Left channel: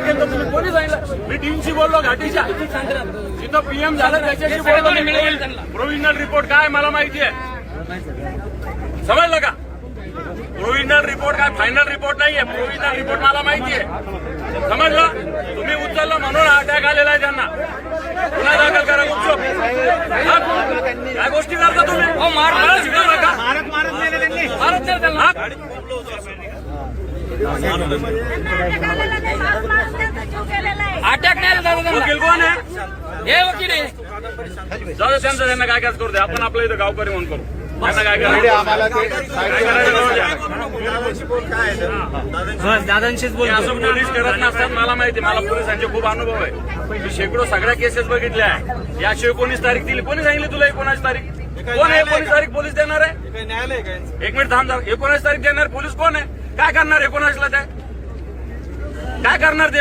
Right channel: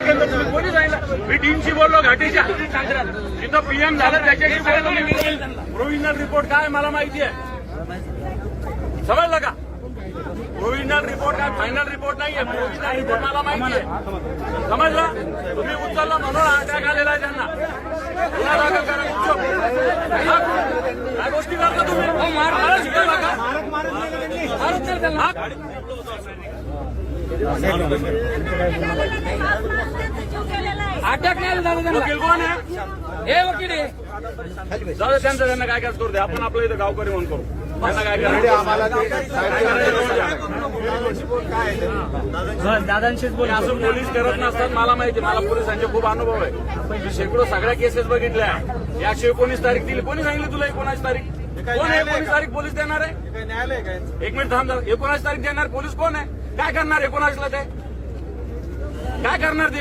कोणी सांगितलं? मी टीमशी बोललो घाटीच्या, जिथं पीएम झालं त्याच्याशी बोललो. प्रोव्हिजनल रिपोर्ट काय मला माहिती आहे, समजलं का? प्रोव्हिजनल रिपोर्ट काय फायनल रिपोर्ट नाहीये. प्रोव्हिजनल रिपोर्ट मला माहिती आहे, समजलं? तुम्ही उचललं म्हणून अटॅक आलेला आहे त्यांना. गुन्हा दाखल करा गुपचूप. काय गोष्टी करता तुम्ही? मला शिकवू नका. अटॅक नाही. वकील कोण आहे? हे वकील आहे. जाऊ दे त्यांचं, त्यांना काय काय करू दे. आपण आपलं इथं गावकरी म्हणून करू. त्यांना काय करायचं आम्हाला ते दादांशीच मी असं पोलीस करत नसतात. मला माहिती, मला पोलिसांचे खूप अनुभव आहे. मी शेकडो सगळ्या केसेस बघितल्या आहे. 119 तारीख दिली. कोणी सांगितली तुला 19 तारीख? कोण आहे 19 तारीख पोलीस देणार आहे? एक मिनिट थांब. 19 तारीख देणार पोलीस कोण आहे? काय करणार 19ला ते? काय करणार ते?